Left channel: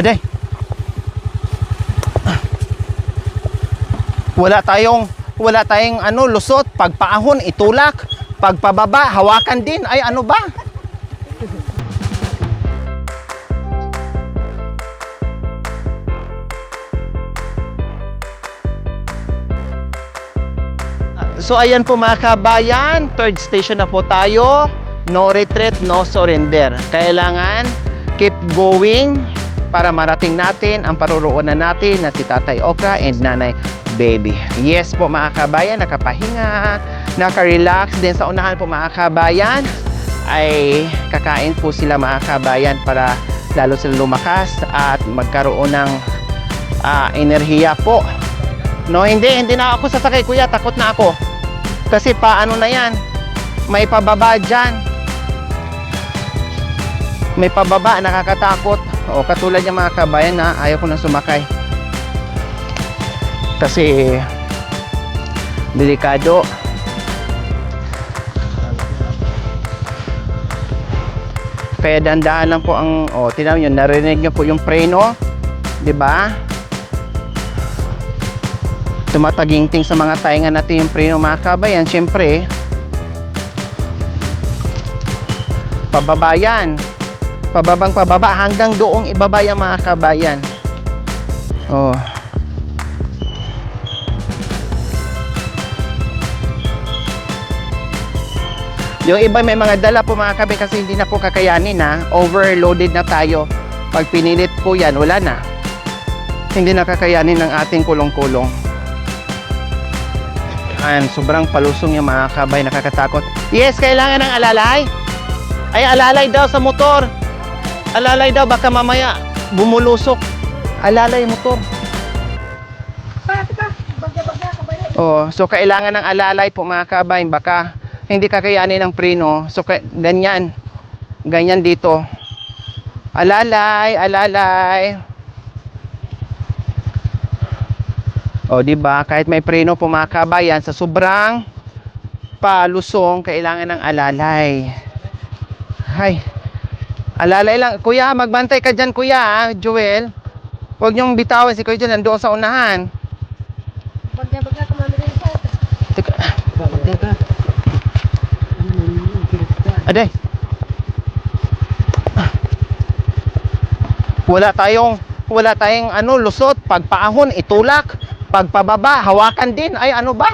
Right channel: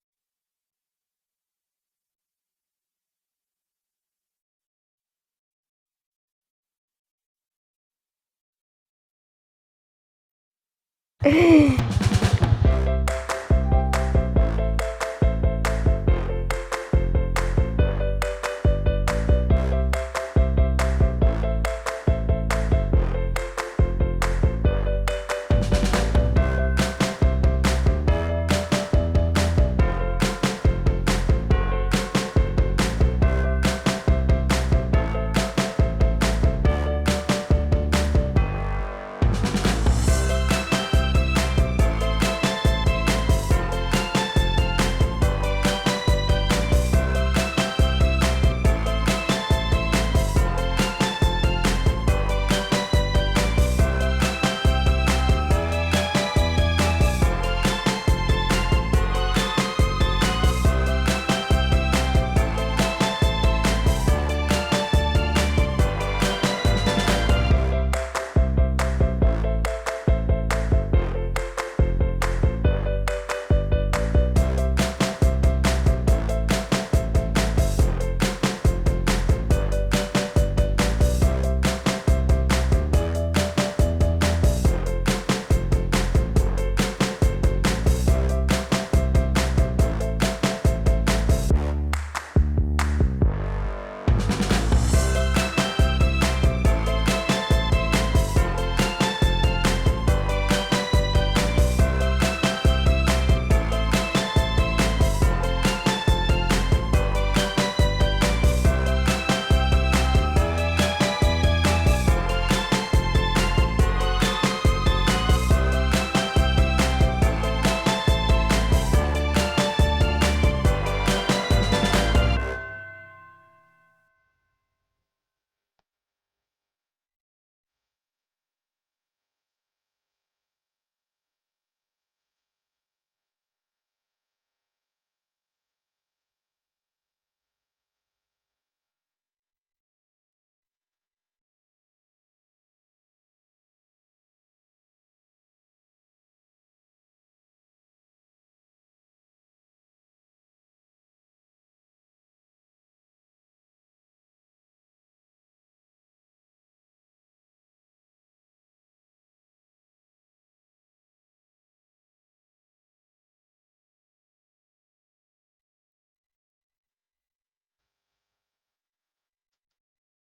Aday. Wala tayong ano, lusot. Pagpaahon, itulak. Pagpababa, hawakan din. Ay, ano ba? So ayan po mga kabayan, third station na po tayo. No retreat, no surrender. Kailangan keep going para marating natin ang paruroonan natin na si Tatay Okra and Nanay Baby. Yes po mga kabayan, nakapahinga, naka-relax din sa unahan po mga kabayan. Ay kakain po sila mga kabayan para lalo sila lumakas at magkaroon ng enerhiya po. No, hindi na ako sasakay kuya, takot na ako. Kasi paano na yan? May pababa dyan. May pababa, nakakatakot. O katulad ng mga kabayan na ayaw ko na sumakay. Kasi delikado. Kaya dandahan lang po ang, tingnan nyo, narinig nyo po yung preno. Diba? Tumataginting sa mga tainga natin yung preno mga kabayan. Siyempre, pababa yan. Pababang pababa hanggang doong ibaba yung mga kabayan. Oh. Yung iba may mga dala po mga kabayan kasi hindi na po kakayanin na. Overloaded na tayo. Pag pinilit po yan, wala na. Hindi na kakayanin ng ating kulong-kulong. Ayan, sobrang palusong yung mga kabay, nakakatakot. Yes, kailangan ng alalay. Ay, alalay daw sa motor. Alalay daw, baka mamaya bumulusok. Alalay motor. Oh, so kailangan ng alalay po mga kabay, baka hindi kakayanin ng preno. So ganyan. Ganyan dito. Alalay, alalay. O, di ba? Kahit may preno po mga kabayan, sa sobrang palusong, kailangan ng alalay. Hay. Alalay lang. Kuya, magbantay ka dyan, kuya, Joel. Huwag niyong bitawan si kuya dyan, nandoon sa unahan. Bagya ka mami rin sa. Teka. Bagya ka. Aday. Wala tayong ano, lusot, pagpaahon, itulak. Pagpababa, hawakan din. Ay, ano ba?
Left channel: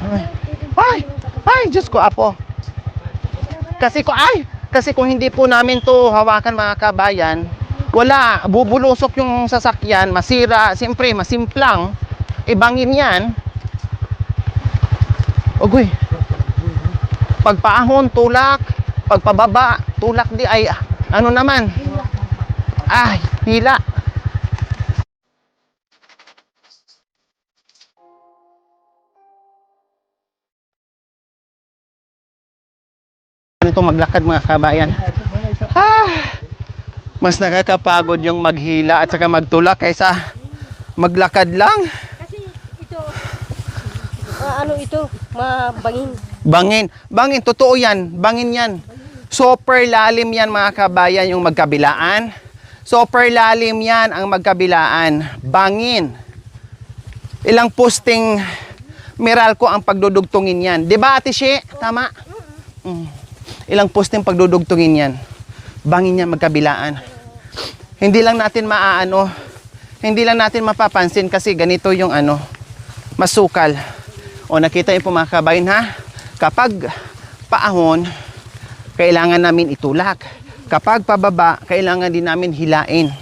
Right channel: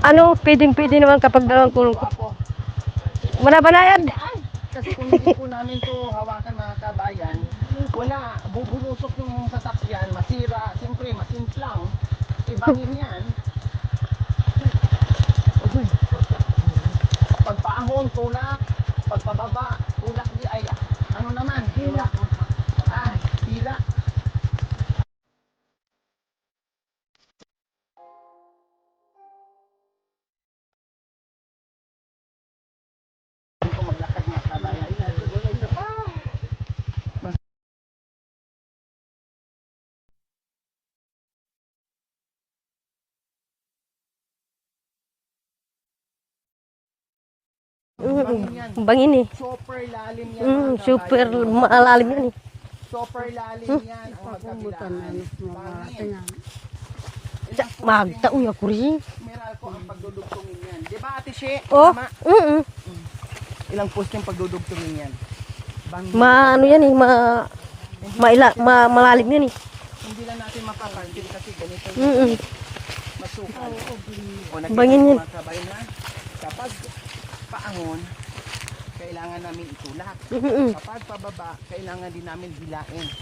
Ano, pwede naman kapag Ay, Diyos ko, apo. Wala ba na yan? Kasi kung hindi po namin to hawakan mga kabayan, wala, bubulusok yung sasakyan, masira, siyempre, masimplang. Ibangin yan. Ogoy. Pagpaahon, tulak. Pagpababa, tulak di. Ay, ano naman? Ay, hila. Ito maglakad mga kabayan. Mas nakakapagod yung maghila at saka magtulak kaysa maglakad lang. Kasi ito, ano ito, mabangin. Bangin, totoo yan. Bangin yan. Bangin eh. Super lalim yan mga kabayan, yung magkabilaan. Super lalim yan ang magkabilaan. Bangin. Ilang posting Meralco ang pagdudugtungin yan. Diba Ate She? Tama? Ilang posting pagdudugtungin yan. Bangin yan magkabilaan. Hindi lang natin hindi lang natin mapapansin kasi ganito yung ano, masukal. O nakita niyo po mga kabayan ha? Kapag paahon, kailangan namin itulak. Kapag pababa, kailangan din namin hilain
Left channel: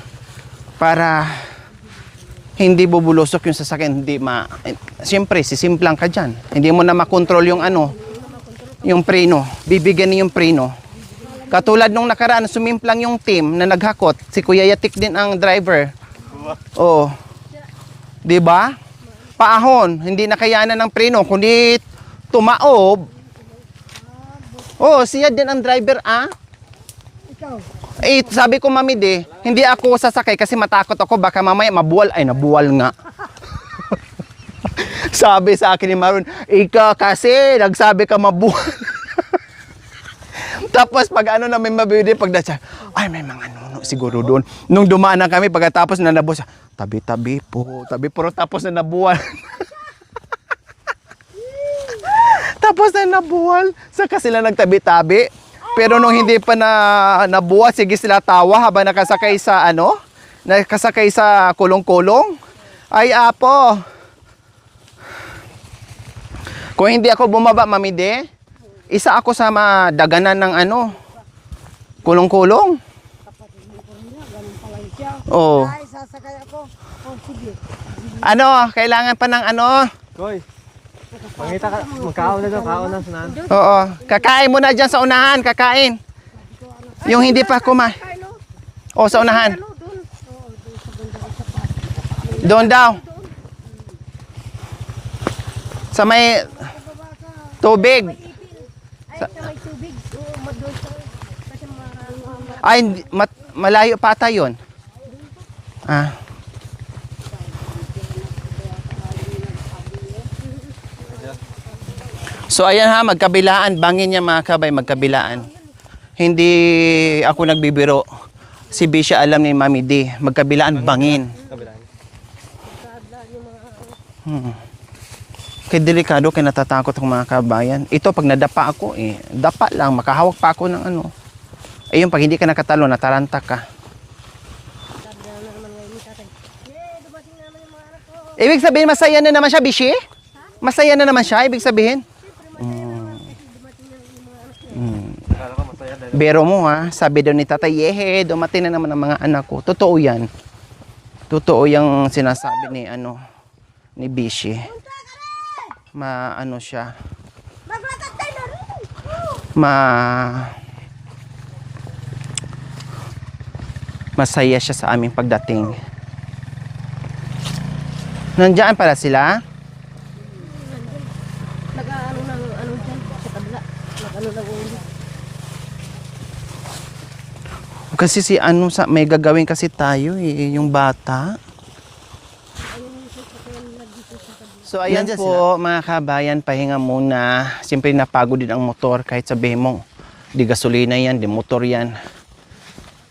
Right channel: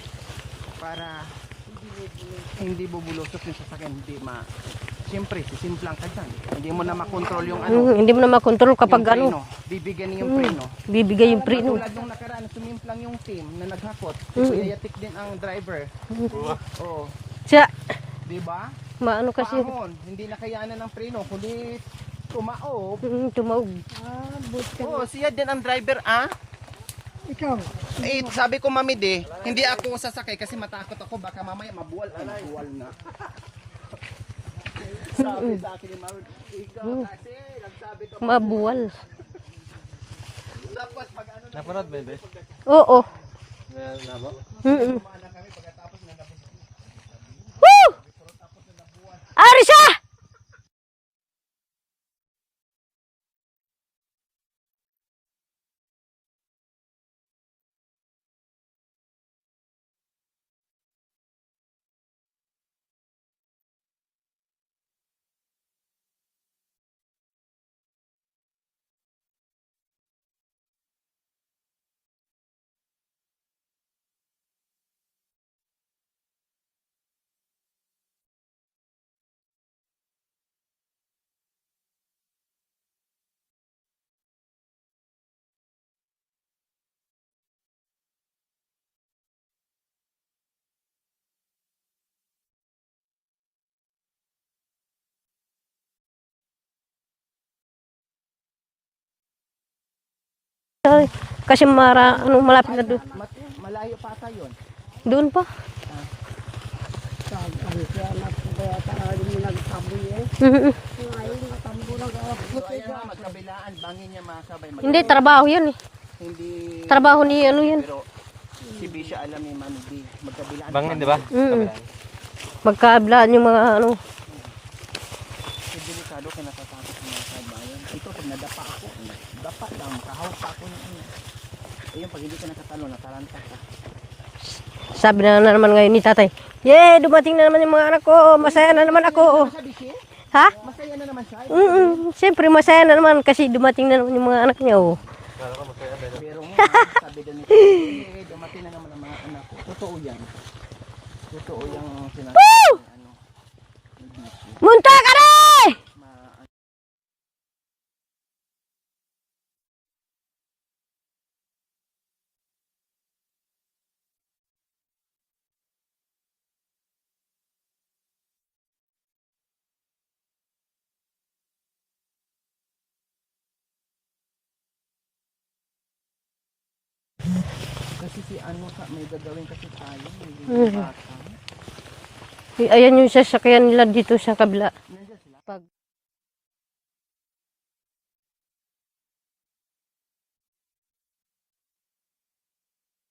para hindi bubulusok yung sasakyan. Siyempre, sisimplang ka dyan. Hindi mo na makontrol yung ano. Hindi mo na makontrol kapag yung preno. Bibigyan niyo yung preno. Bibigay yung preno. Katulad nung nakaraan, sumimplang yung team na naghakot. Si Kuya Yatik din ang driver. Oh. Siya. Diba? Maano kasi. Paahon. Hindi nakayanan ng preno. Kundi tumaob. Tumaob. Oh, siya din ang driver, ah? Ikaw. Eh, sabi ko, Mami, hindi ako sasakay kasi matakot ako. Baka mamaya mabuwal. Ay, nabuwal nga. Sabi sa akin ni Maroon, ika kasi, nagsabi ka mabuwal. Tapos pag ano na may mabibili, pag dasya, Oo. ay may mga nuno siguro doon. Nung dumaan na kami, pagkatapos na nabuo siya, tabi-tabi po, tabi puro tapos na nabuwal. Ari siya! Tapos na nabuwal. Saka sila nagtabi-tabi. Pero nung hindi pa na nabuwal, sige sila tawa habang nakasakay sa ano? Nakasakay sa kulong-kulong. Ay apo. Kung hindi ako bumaba, mamide, isa ako sa madaganan ng ano? Kulong-kulong. Oh. Ay, sasakay ako. Oh, sige. Ano, kailangan pa ng ano? Koy, makita ka, magkaon na daw, kaon na sunan. Oo. Kakain muna dyan sa unahan, kakain. Yung hindi pa kumain. O, sa unahan. Doon daw. Sa may tubig. Ay, kasi malapit. Ay, malayo pa ata yun. Doon pa. Ah. So ayan ha, magkabilaan. Bangin niya mga kabay, Hindi, magkabilaan. trabaho yun eh. Hindi Trabaho ni ako ano nagbibiro. Si Bisha alam ni Mami D. Magkabilaan, bangin. Magkablaan yung mga ano. Kaya delikado, kaya natatakot ang mga kabayan. Ito, pag nadapa ako, dapa lang, makahawak pa ako ng ano. Yung pag hindi ka nakatalo, nataranta ka. Sabi na naman ngayon ni tatay, yay, dumating na naman yung mga anak ko. Ibig sabihin, masaya ako." na naman siya, Bishi? Ha? Masaya na naman siya, ibig sabihin? Siyempre, masaya na naman kasi dumating na naman yung mga anak niya. Oh. Bero mo ha, sabi daw ni tatay, yehe, dumating na naman ang mga anak ko. Totoo yan. Totoo yung sinasabi ni, ano, ni Bishi. Munta ka na! Ano siya, masaya siya sa aming pagdating. Nandiyan pala sila. Nag-ano ng ano dyan sa kabila. Nag-ano ng ulo. Kasi si ano, may gagawin kasi tayo yung bata. Ayan yung sasakyan nila dito sa kabila. So ayan po mga kabayan, pahinga muna. Siyempre napagod din ang motor kahit sabihin mo, di gasolina yan, di motor yan.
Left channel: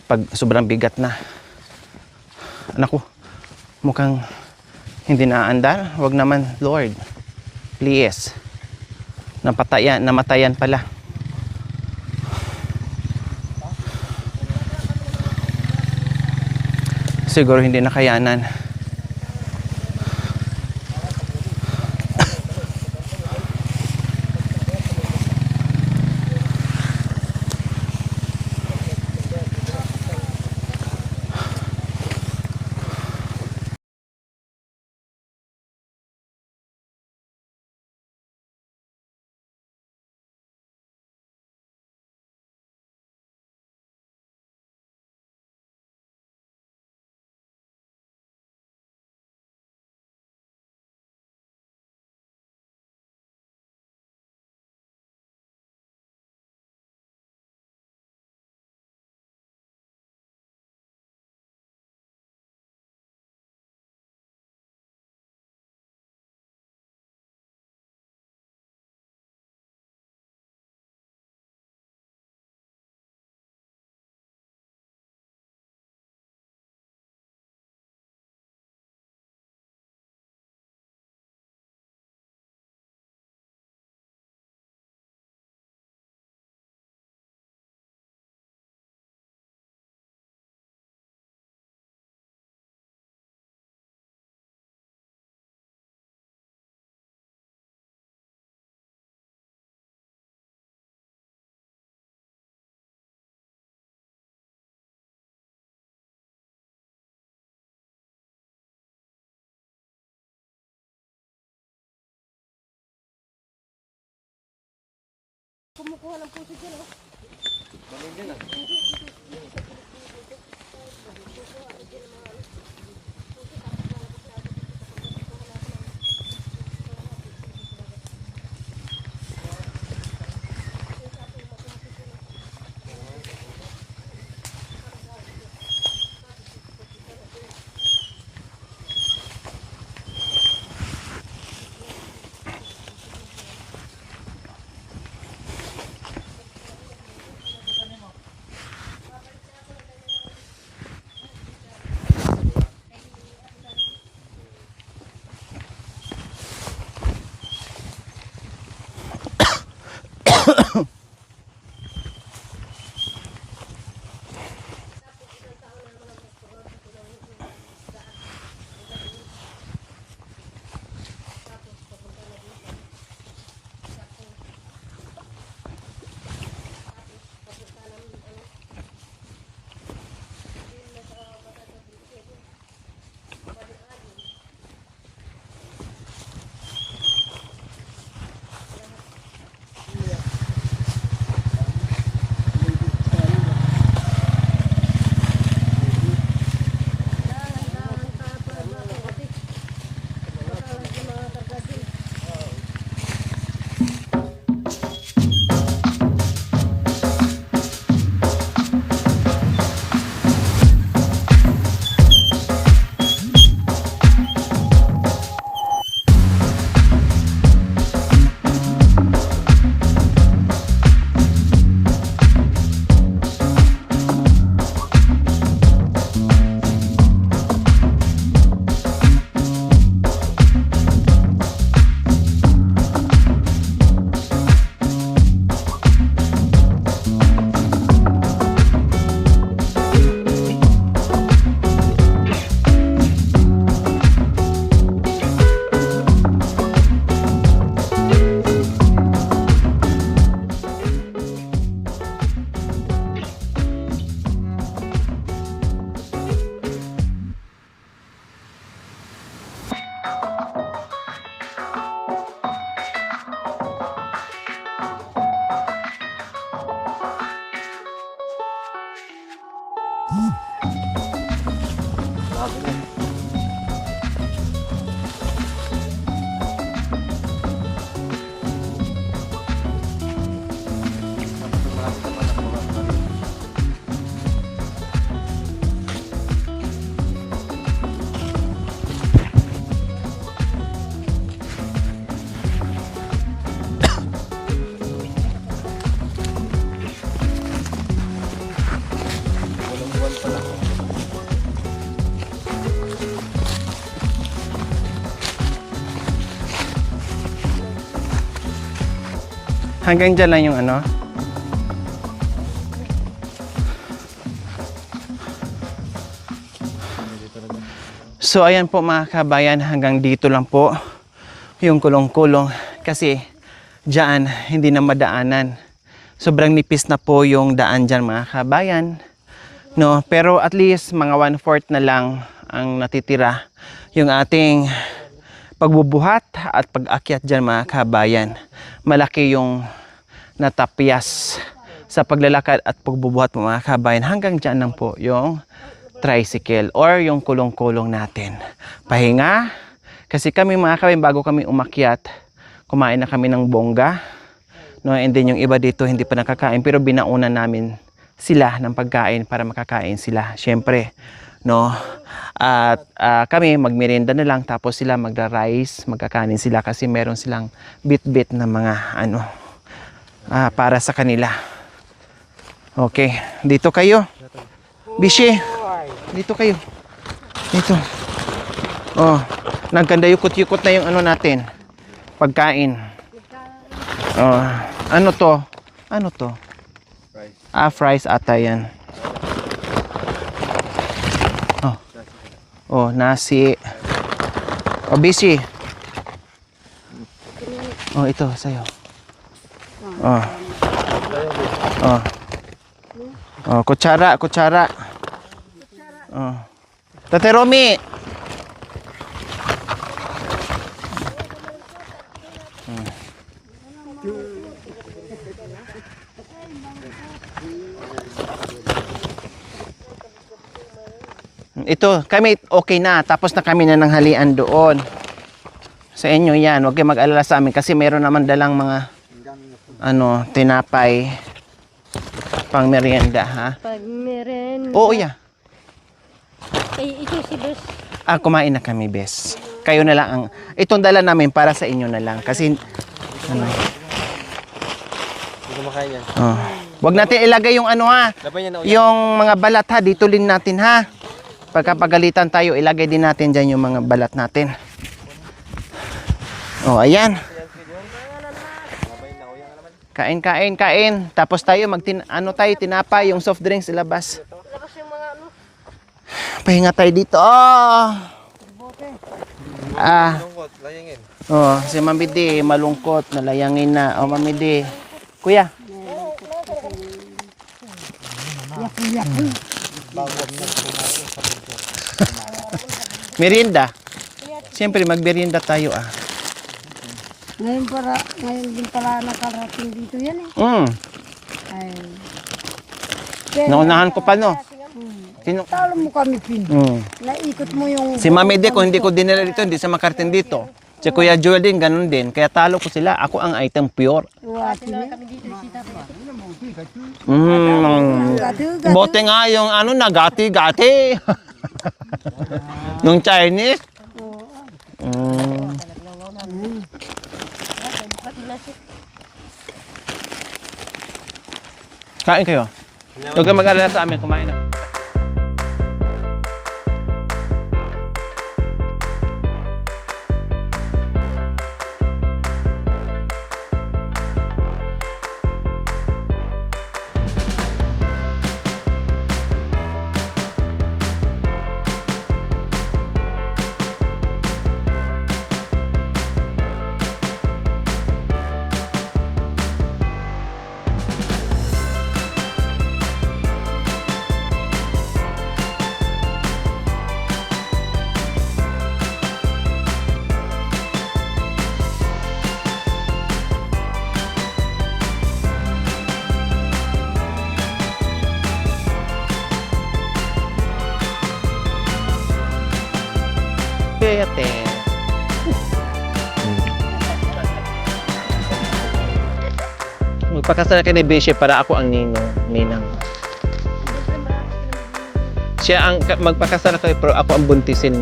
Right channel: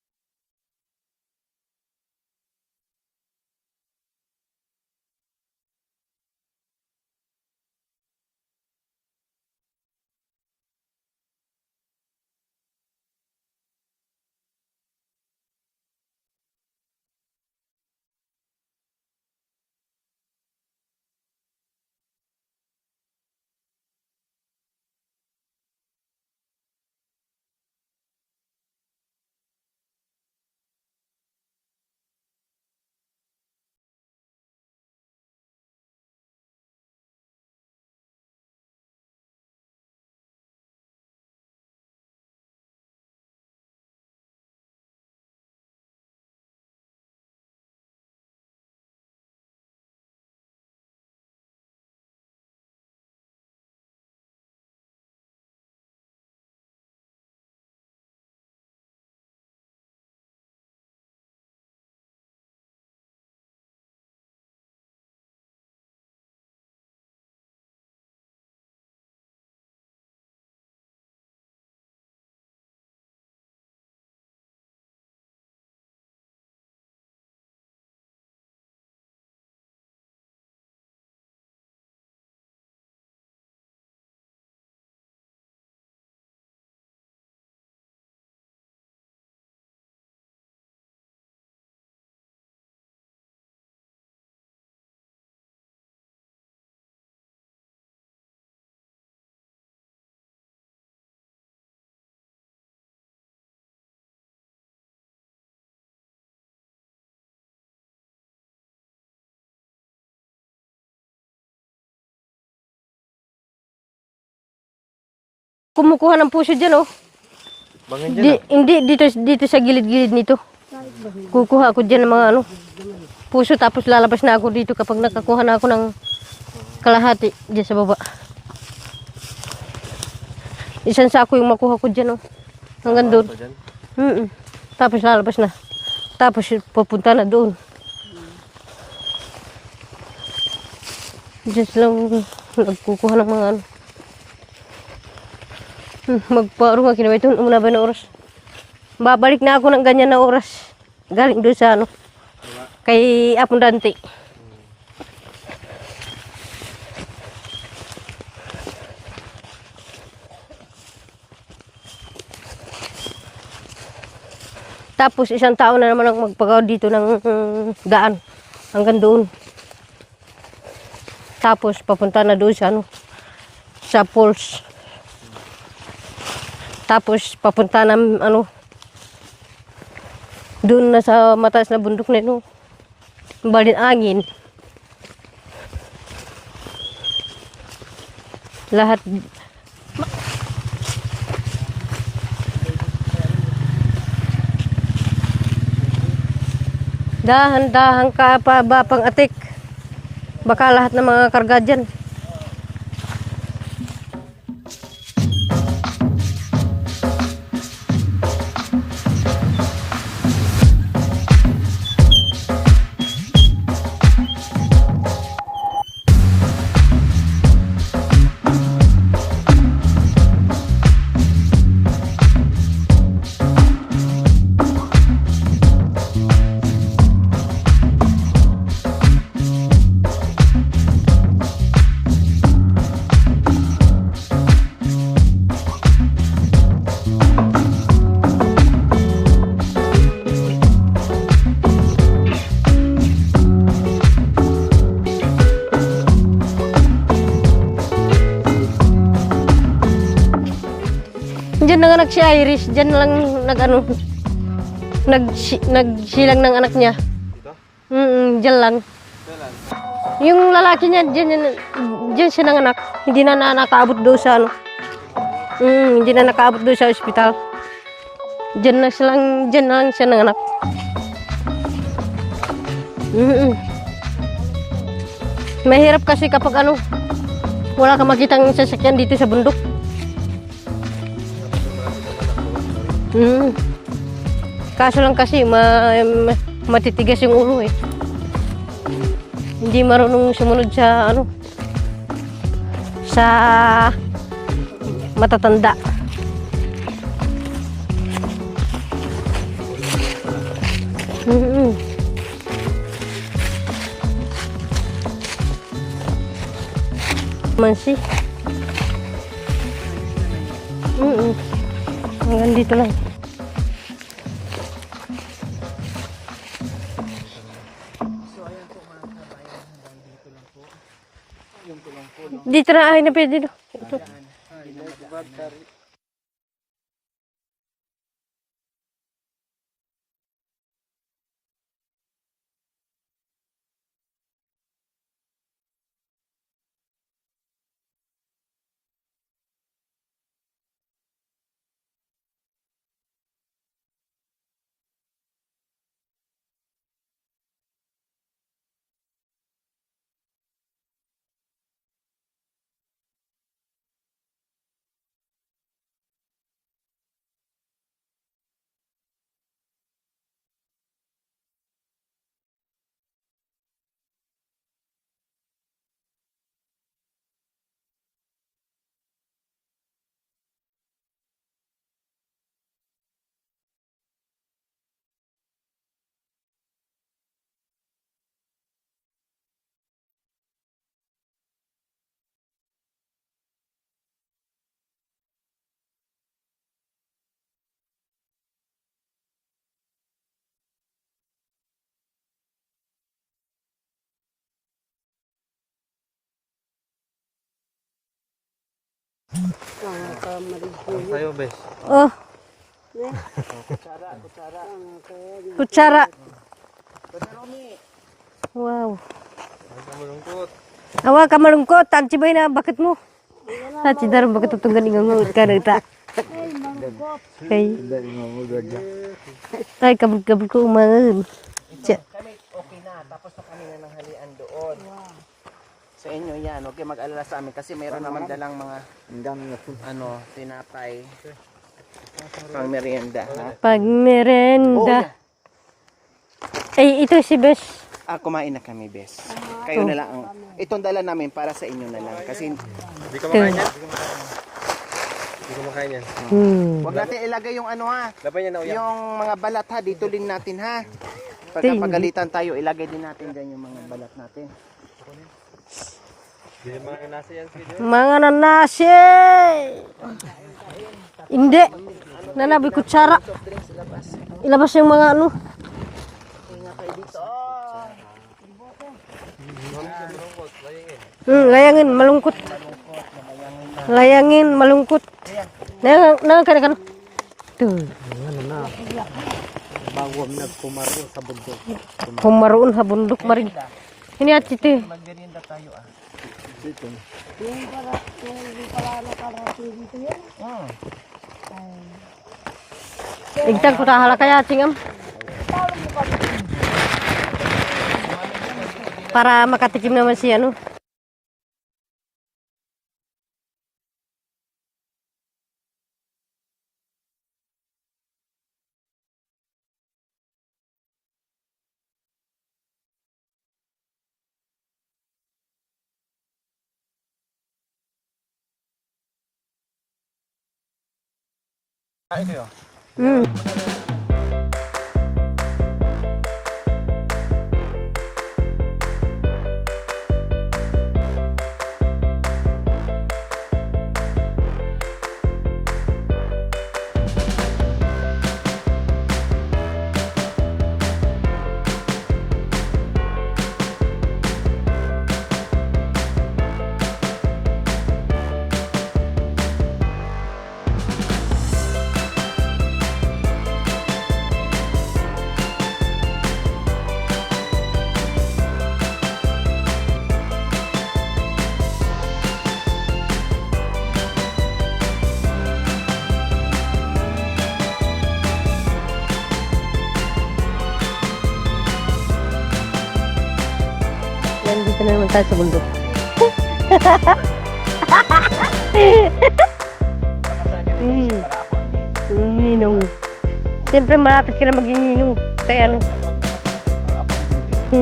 Pag sobrang bigat na. Anak ko, mukhang hindi naandar. Wag naman, Lord. Please. Namatayan pala. Siguro hindi nakayanan. Kumukuha ng puso dyan, oh. Hindi, dito sa gilid-gilid nito. Kukuha ako dyan ng mga ano, puso, tapos lalabas na ako dito kapag nakakuha na ako ng kalahati dyan sa baba. Isang sako yung makuha ko dyan, oh. Hanggang doon. Tapos lalabas na. Tapos pupunta na doon. Diyos lang nagkukuha ng mga ano. Magparo nga kinabay ito. Una ba na oras? Babalik na ako ng ganyan na oras. Galing doon sa ano. Kay Apong Dante. Tapos isang tao na naman ang magpagawa dito ng daan. Hanggang doon. Tapos papunta na doon sa ano. Sa falls. Tapos papunta na ano. Doon na sa mataas na bundok na ito. Balin angin. Lahat. Dahan-dahan ka pa ba pang atik. Baka lahat ng mga karga dyan. Diyan nanganak si Iris, diyan lang nag-ano, nagsilang ng anak niya. Diyan lang. Yung lalaki niya, diyan siya nanganak. Hindi na nakaabot doon sa ano. Hindi na nakaabot doon sa ospital. Diyan na lang siya nanganak. Mahirap kasi kapag ano, wala ka makitang sasakyan dito sa bundok. Kaso lang kasi matitigas yung ulo eh. Hindi marunong sumunod sa ano, sa matatanda. Mansi. Hanggang dyan lang yung ano? Hanggang dito lang. So ayan po mga kabayan, hanggang dito lang po yung kulong-kulong. Dito na, Kasi dito. dyan, hindi na madaanan. Sobrang nipis na po yung daan dyan mga kabayan. No? Pero at least mga 1/4 na lang ang natitira yung ating pagbubuhat at pag-akyat dyan mga kabayan. Malaki yung natapyas sa paglalakad at pagbubuhat mga kabayan. Hanggang dyan lang po yung tricycle or yung kulong-kulong natin. Pahinga. Kasi kami mga kabayan, bago kami umakyat, kumain na kami ng bongga. No? And then yung iba dito hindi pa nakakain, pero binauna namin sila ng pagkain para makakain sila. Siyempre, no? At kami magmerienda na lang, tapos sila magra-rice, magkakanin sila kasi meron silang bit-bit na mga ano para sa kanila. Okay, dito kayo. Bishi, dito kayo. Dito. Oh, nagkanda yukot-yukot na yung ano natin. Pagkain. Oh, ano to? Ano to? Fries ata yan. Oh, nasi. Oh, Bishi. Oh, ito sa'yo. Oh. Oh. Oh, kutsara. Kutsara. Oh. Tate Romy. Wow. Awa ka malungkot, tagsibay na, bakit mo? Tatsidar, bakit itong galing ang ka na ita? Okay. Ay, kabog-kabog ko umangan. Ito, kami okay na. Tapos na kami na nanghalian doon. Sa inyo yan. Huwag kayo mag-alala sa amin kasi meron naman dalang mga tinapay pang merienda, ha? Pag merienda. Oo, yeah. Ay, ito si Bes. Kumain na kami, Bes. Kayo na lang ang... Itong dala namin para sa inyo na lang. Kasi... Ito. Hindi kumakain yan. Huwag natin ilagay yung ano ha, yung mga balat ha, dito din natin ha. Pagkapagalitan tayo, ilagay din natin dyan yung mga balat natin. Oh, ayan. Mga nanasi! Kain, kain, kain. Tapos Hindi. tayo, tayo, Wala, tinapa, kutsara. yung soft drinks, ilabas. Ilabas yung mga ano. Pahinga tayo dito. Oh! Ah. Oh, si Layangin, Mamidi, malungkot, nalayangin na. Oh, Layangin, Mamidi. malungkot. Kuya, Nangan ka na. Tuh. Kumaroon sa bundok. merienda. Ini ati Siyempre, magmerienda tayo ah. Ngayon din pala nakarating dito yan eh. Mm. Ay, Naunahan ko pa no. Kaya tingam. Sino? talo mo kami. Naikot mo yung... Si Mami D, kung hindi ko dinala Para dito, hindi siya makatikim makarating naman dito. si ano. Si Kuya Joel din, ganun din. Kaya talo ko sila. Ako ang item pure. Bote nga yung ano, nagati-gati. Yung Chinese. Kain kayo. Huwag kang mag-alala sa amin, kumain na. Nandito na naman tayo sa bundok. Magpakasal ka ni Bishop para ako ang ninong. Ninong. Siyempre malapit ka na maging ninong. Siya ang magpakasal kayo pero ako ang buntisin.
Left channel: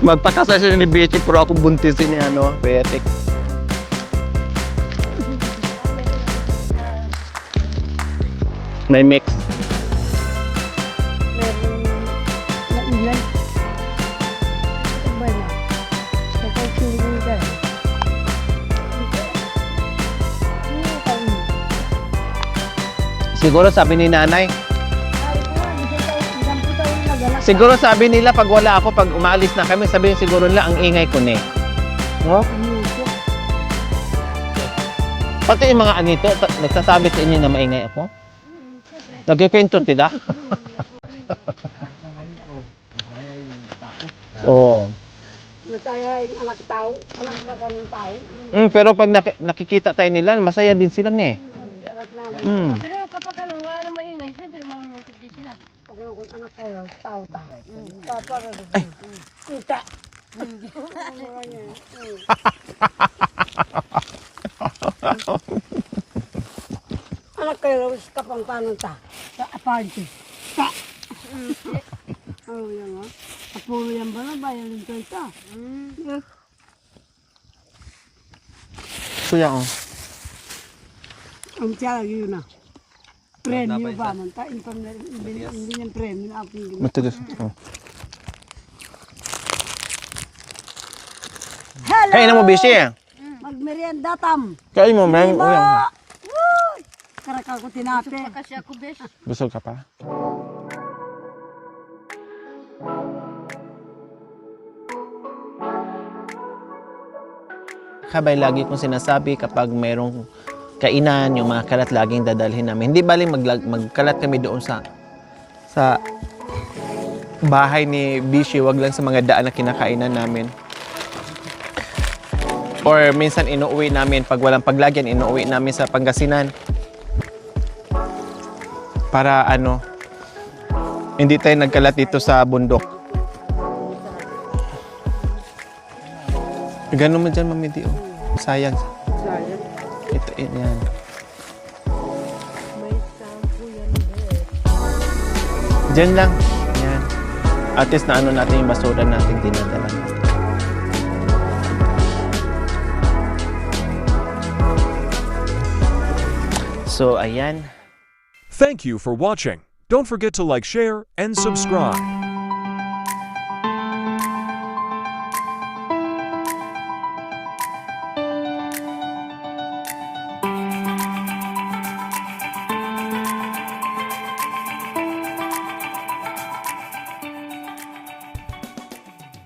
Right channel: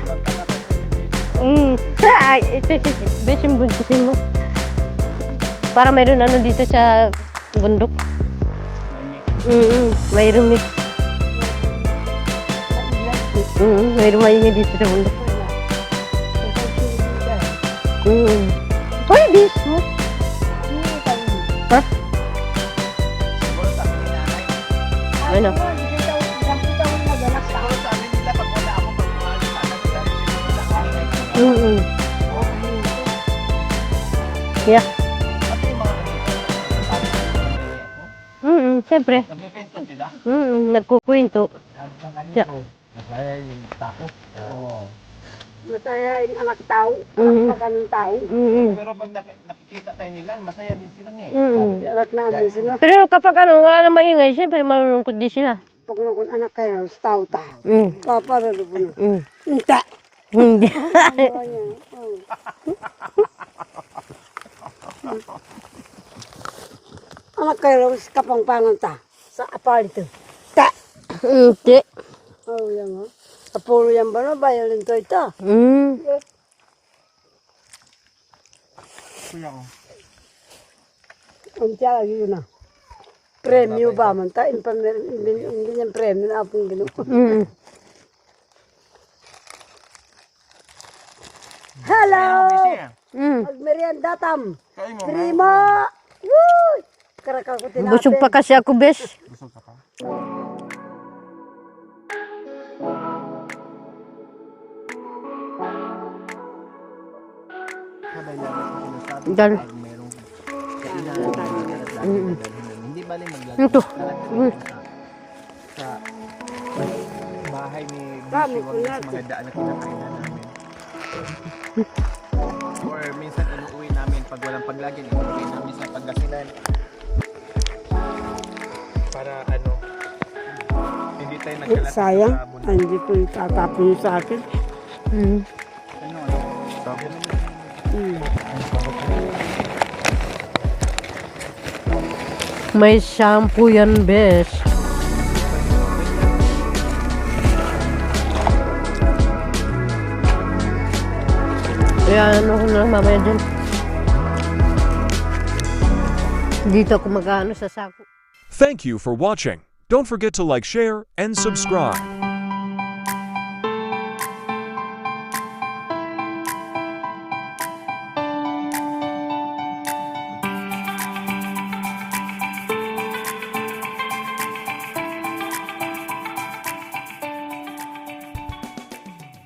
Magpakasal siya ni Bishop pero ako buntisin. Ay, Ano? Perfect. Bes yung buntisin mo. Para mayroon ano dito sa bundok. May mix. Mayroon mix. Mayroon maingay dito sa bundok. Pwede. Ha? Siguro sabi ni nanay, Ano? siguro sabi nila pag wala ako, pag umaalis na kami, sabihin siguro nila ang ingay ko ni. No? Yeah. Pati yung mga anito, nagsasabi sa inyo na maingay ako. Siyempre. Nagkikwento tila? Nagkukwento. Siya. Oo. Masaya yung anak tao. Pag anong tao. Pero pag nakikita tayo nila, masaya din sila ni. Anak namin. Pero kapag ano, wala na maingay, siyempre malulungkot din sila. Pag nung anak kayo, tao ta. Mm. Para doon. Unta. Hindi. Anak kayo, kapang pananta. Sa apalito. Ta. Hindi. Oh, yan ha. Kapulo yan ba na? Bayalan ko ito. Kuya, oh. Ang tiyaga yun na. Premyo ba man ta? Hindi yung premyo na apong ganito. Matigas. Hello! Kain na mo, Bishi. Magmerienda tam. Kain mo, man. Ima! Woo! Karaka ko tinapin. Busog pa kasi ako, bes. Busog ka pa? Kabay, lagi kong sinasabi kapag merong kainan, yung mga kalat laging dadalhin namin. Hindi baling magkalat kami doon sa bahay ni Bishi, wag lang sa mga daan na kinakainan namin. Or minsan inuuwi namin, pag walang paglagyan, inuuwi namin sa Pangasinan. Para ano, hindi tayo nagkalat dito sa bundok. Hindi ko itatapon sa akin. Ganun mo dyan, Mami Di. Sayang. May shampoo yan, bes. Diyan lang. At least na ano natin yung basura natin din. lang mamaya dun. Dito So, ako magkano ayan. sa sako. Thank you for watching. Don't forget to like, share, and subscribe.